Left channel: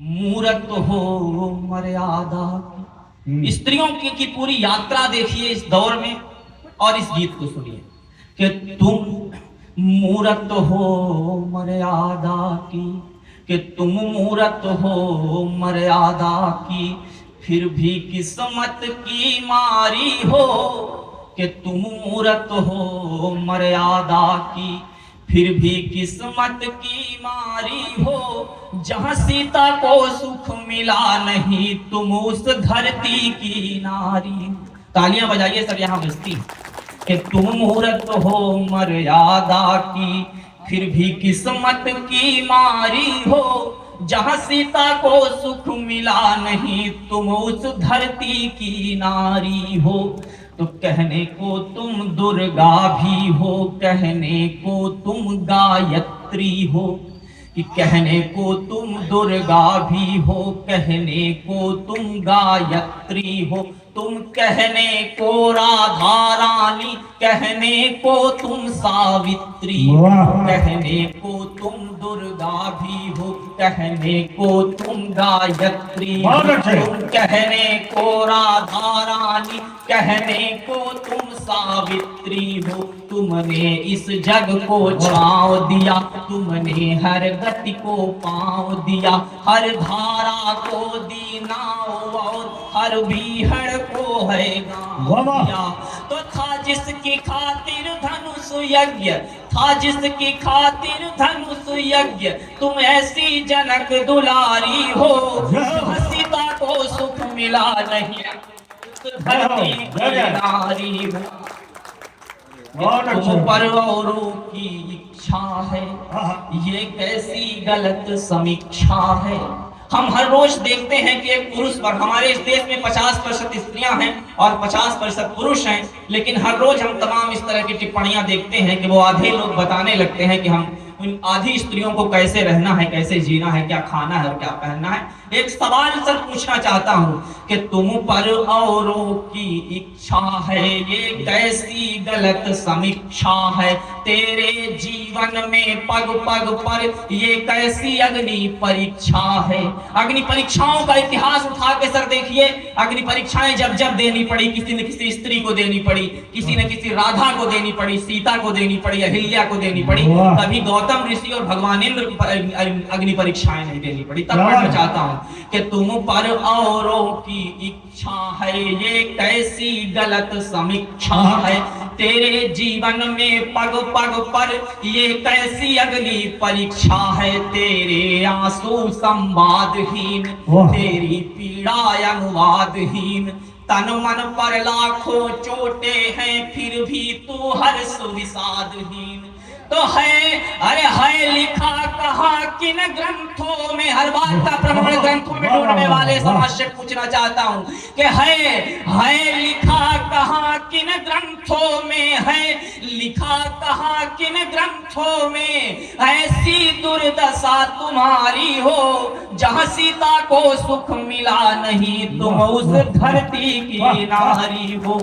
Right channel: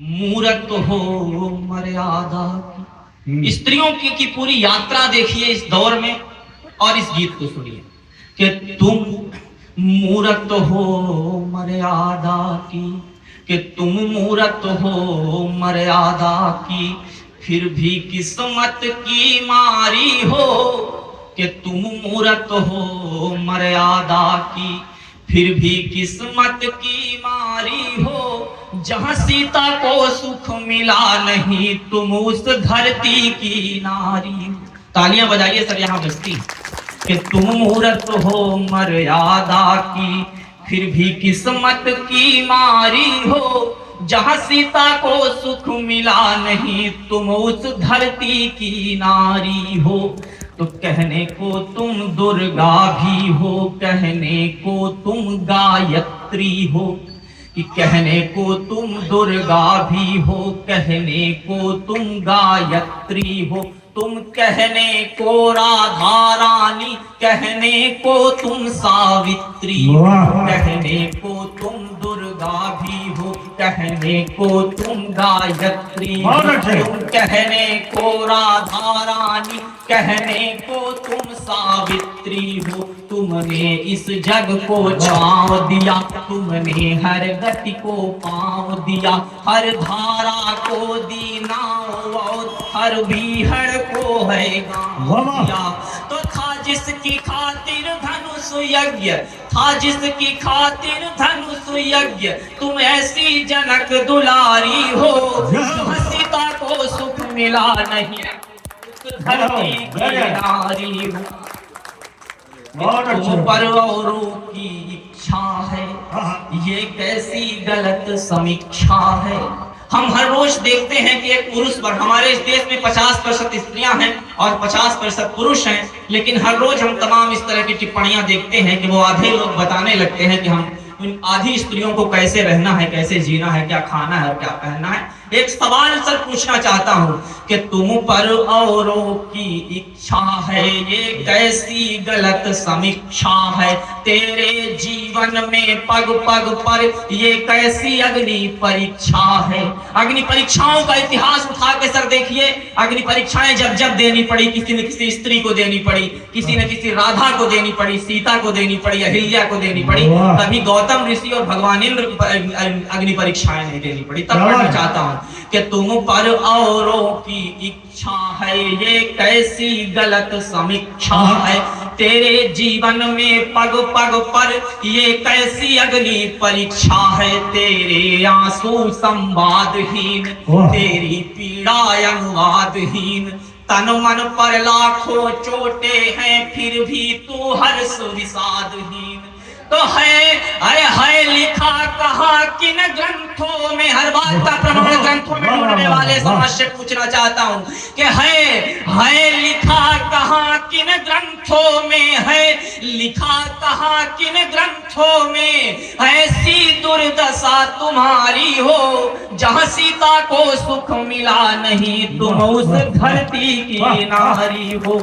मूरत हो मर्यादा की। स्त्रियों की पूरी यात्रा देखिए इस दौर में और इस गीत को सुनिए कि तुम मूरत हो मर्यादा की, कि तुम मूरत हो मर्यादा की, फिर भी किस्मत की मारी हो। कि तुम मूरत हो मर्यादा की, फिर भी किस्मत की मारी हो। जहां सीता को सुख मिला नहीं, तुम उस धरती की नारी। तालियां बजाइए सब यहां बजती। कि तुम मूरत हो मर्यादा की, फिर भी किस्मत की मारी हो। जहां सीता को सुख मिला नहीं, तुम उस धरती की नारी हो। तो कहने को तुम दुर्गा भी हो, कहने को तुम गायत्री हो। कि कहने को तुम दुर्गा भी हो, कहने को तुम गायत्री हो। तुम कहने को राधा रानी, कहने को तुम सावित्री हो। कहने को तुम दुर्गा भी हो, कहने को तुम गायत्री हो। तुम कहने को राधा रानी, कहने को तुम सावित्री हो। तुमने इस जग को छांव दिया, तुमने हर गति को पांव दिया। हर धारा को दी नाव और हर बीहड़ को है गाँव दिया। तो था जिसकी खातिर धनुष यज्ञ, था जिसकी खातिर धनुष यज्ञ, तुम ऐसी जनक दुलारी हो। सीता को सुख मिला नहीं, धरती की नारी हो। तुम पर औरों की इच्छा है, ये कैसी गलत समीक्षा है। हम हर रोज देखते हैं कि एक पुरुष पर, हमारे इस देश में 50% स्त्रियां हैं और 50% पुरुष हैं, लेकिन हर रोज हम तमाम इस तरह की टिप्पणियां देखते हैं कि वो आधे लोग बताने लगते हैं कि हम उन आधी स्त्रियों को कैसे रहना है, कैसे जीना है, क्या खाना है और क्या पहनना है। एक सवाल सर पूछना चाहता हूं कि तुम पर औरों की इच्छा है, ये कैसी गलत समीक्षा है। तेरे जीवन में पग पग पर ये कैसी अग्नि परीक्षा है। अग्नि परीक्षाओं का इतिहास उठा के सर देखिए। अग्नि परीक्षाएं जब जब देनी पड़ी, किसी न किसी स्त्री को देनी पड़ी, किसी न किसी राधा को देनी पड़ी, सीता को देनी पड़ी, अहिल्या को देनी पड़ी। तभी गौतम ऋषि और भगवान इंद्र अग्नि परीक्षाएं नहीं देनी पड़ी। तब पढ़ना चाहता हूं कि तुम पर औरों की इच्छा है, ये कैसी गलत समीक्षा है। तेरे जीवन में पग पग पर ये कैसी अग्नि परीक्षा है। तेरे आंसू संवादहीन, तेरी पीड़ा अनुवादहीन। तन मन पर लाखों चोटे हैं, फिर भी तू हर्ष विषादहीन। तो है लिखा कहाँ किन ग्रंथों में। हर बात का प्रमाण ग्रंथों में ढूंढने वाले समझ से पूछना चाहता हूँ कि है लिखा कहाँ किन ग्रंथों में, है लिखा कहाँ किन ग्रंथों में। ऐसी दुर्दशा तुम्हारी हो, जहाँ सीता को सुख मिला नहीं, तुम उस धरती की नारी हो।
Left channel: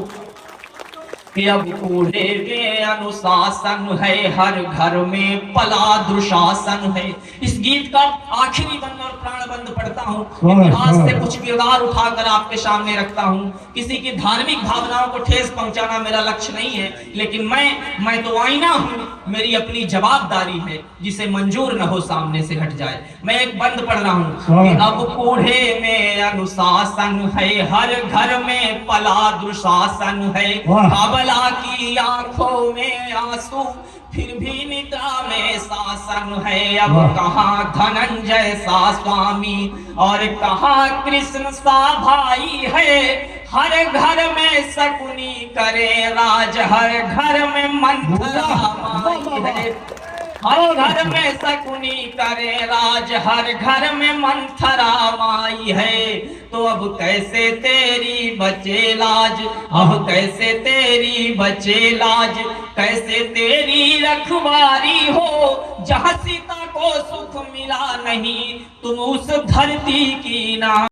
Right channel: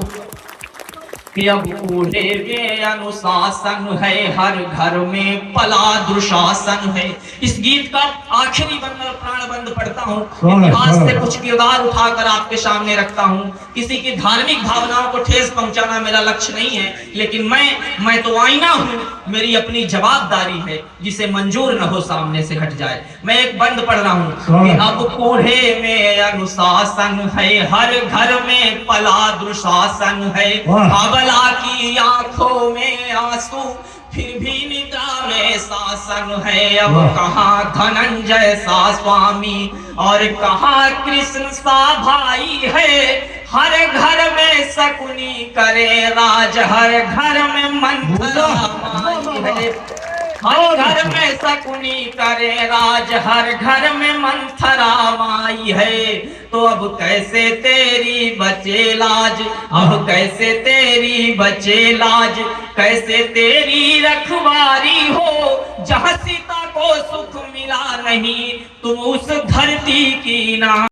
अब बूढ़े में अनुशासन है, हर घर में पला दुशासन है। इस गीत का आखिरी बंद और प्राण बंद पढ़ता हूँ। इतिहास से कुछ किरदार उठाकर आपके सामने रखता हूँ। किसी की धार्मिक भावनाओं को ठेस पहुंचाना मेरा लक्ष्य नहीं है, लेकिन मैं तो आईना हूँ। मेरी अपनी जवाबदारी है, जिसे मंजूर न हो सामने से हट जाए। मैं एक बंद पढ़ रहा हूँ कि अब बूढ़े में अनुशासन है, हर घर में पला दुशासन है। बाबला की आंखों में आंसू, फिर भी निद्रा में शासन है। अब कहाँ धनंजय सा स्वामी और कहाँ कृष्ण सा भाई है। हर घर में शकुनी करे राज, हर घर में मंथरा माई है। हर घर में शकुनी करे राज, हर घर में मंथरा माई है। तो अब कैसे तेरी बचे लाज, अब कैसे तेरी बचे लाज, कैसे तेरी रखवारी हो। जहाँ सीता को सुख मिला नहीं, तुम उस धरती की ना